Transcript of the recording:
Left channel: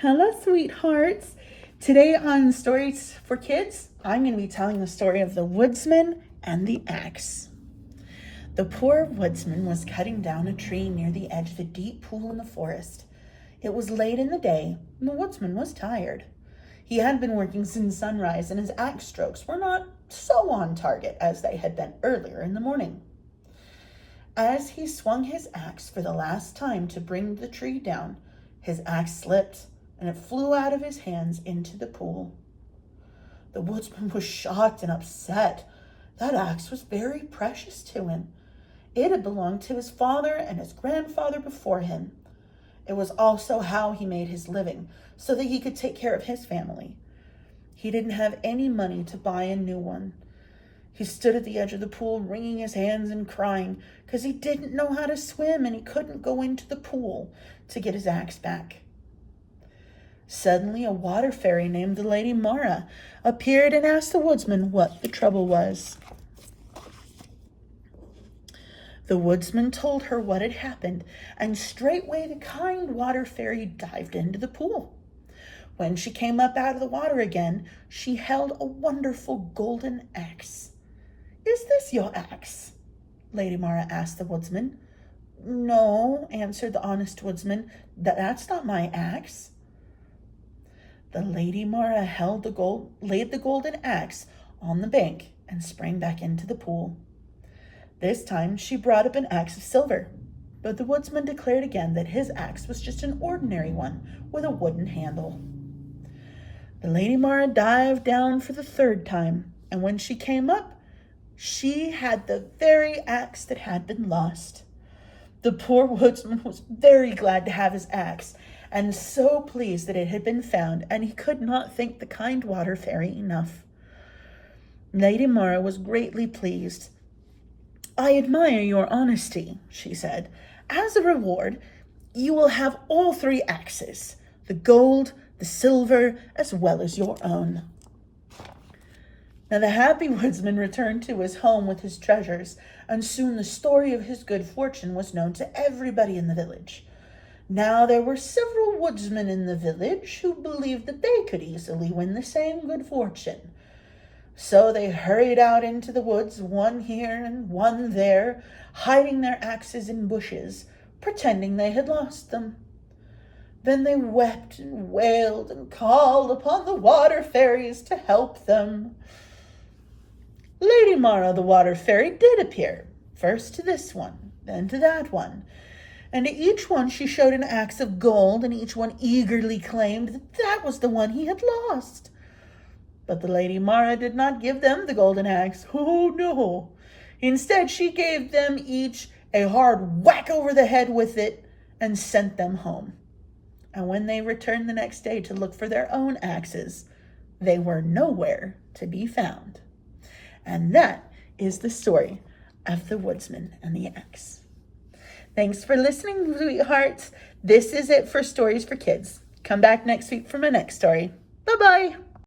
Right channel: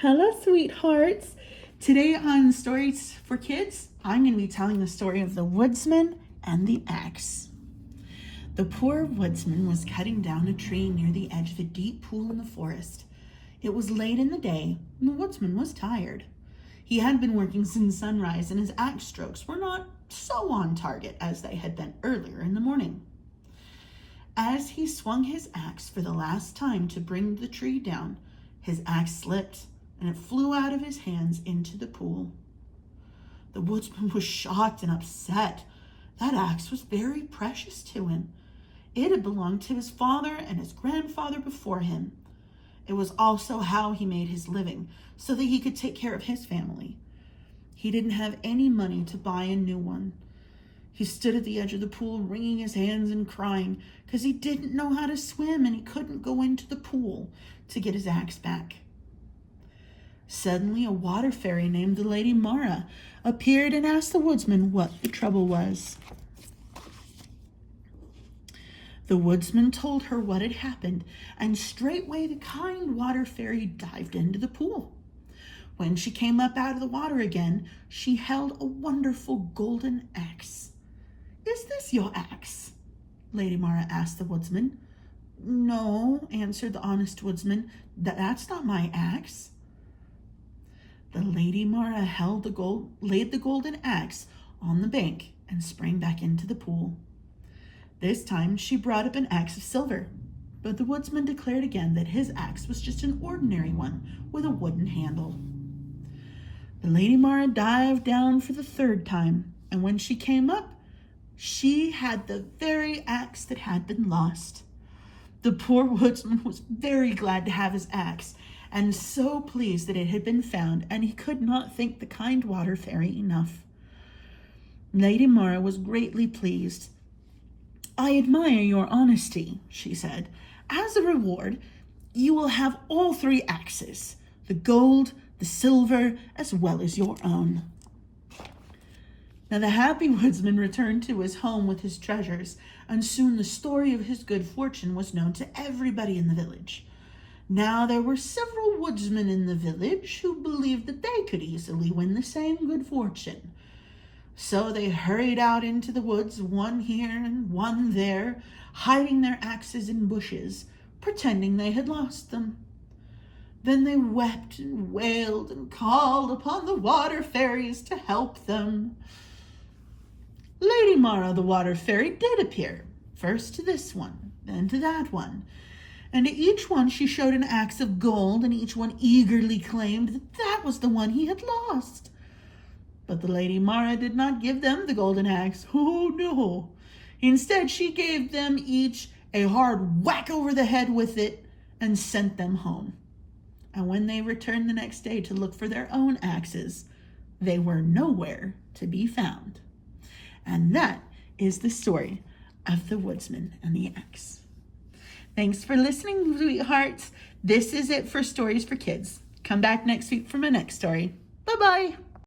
Hello, sweethearts. Today on Stories for Kids, I'm going to be telling the story of the woodsman and the axe. The poor woodsman was cutting down a tree near the edge of a deep pool in the forest. It was late in the day, and the woodsman was tired. He had been working since sunrise, and his axe strokes were not so on target as they had been earlier in the morning. As he swung his axe for the last time to bring the tree down, his axe slipped, and it flew out of his hands into the pool. The woodsman was shocked and upset. That axe was very precious to him. It had belonged to his father and his grandfather before him. It was also how he made his living, so that he could take care of his family. He didn't have any money to buy a new one. He stood at the edge of the pool, wringing his hands and crying, because he didn't know how to swim and he couldn't go into the pool to get his axe back. Suddenly, a water fairy named the Lady Mara appeared and asked the woodsman what the trouble was. The woodsman told her what had happened, and straightway the kind water fairy dived into the pool. When she came up out of the water again, she held a wonderful golden axe. "Is this your axe?" Lady Mara asked the woodsman. "No," answered the honest woodsman, "that's not my axe." The Lady Mara laid the golden axe on the bank and sprang back into the pool. This time she brought up an axe of silver, but the woodsman declared again that his axe was just an ordinary one with a wooden handle. The Lady Mara dived down for the third time, and when she came up, she had the very axe that had been lost. The poor woodsman was very glad to have his axe, and so pleased that it had been found, and he could not thank the kind water fairy enough. Lady Mara was greatly pleased. "I admire your honesty," she said. "As a reward, you will have all three axes, the gold, the silver, as well as your own." Now the happy woodsman returned to his home with his treasures, and soon the story of his good fortune was known to everybody in the village. Now there were several woodsmen in the village who believed that they could easily win the same good fortune. So they hurried out into the woods, one here and one there, hiding their axes in bushes, pretending they had lost them. Then they wept and wailed and called upon the water fairies to help them. Lady Mara, the water fairy, did appear, first to this one, then to that one, and to each one she showed an axe of gold, and each one eagerly claimed that that was the one he had lost. But the Lady Mara did not give them the golden axe. Oh, no. Instead, she gave them each a hard whack over the head with it and sent them home. And when they returned the next day to look for their own axes, they were nowhere to be found. And that is the story of the woodsman and the axe. Thanks for listening, sweethearts. This is it for Stories for Kids. Come back next week for my next story. Bye-bye.